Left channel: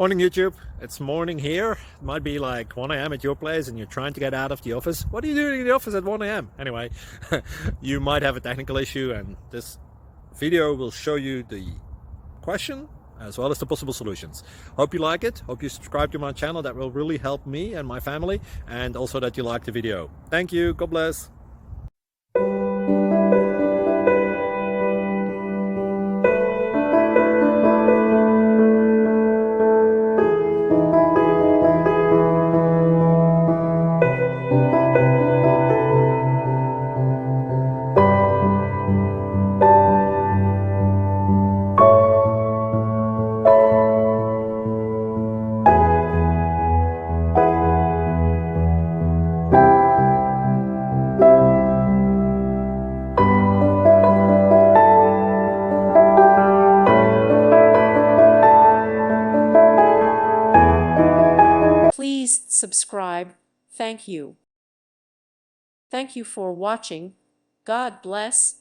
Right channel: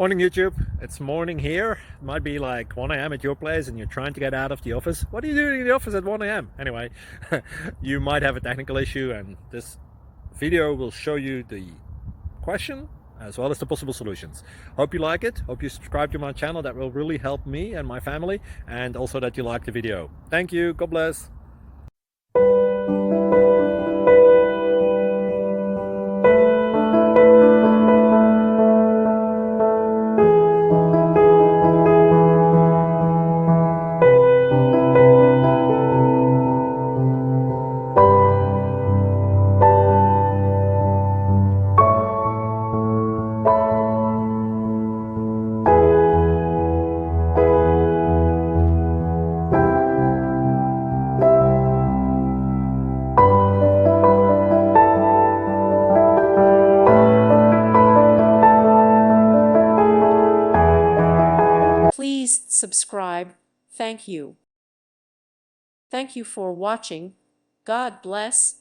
Morning YouTube, it's morning here. It might be like 1 a.m. at your place and you're trying to get out of the office. What are you doing in the office at 1 a.m.? Anyway, you might have a technical issue and this video will show you the question as well as the possible solutions. Hope you like it, hope you subscribe to my channel. That will really help me and my family, and also that you like the video. Thank you, God bless. Please subscribe. Thank you. Thank you for watching. God bless.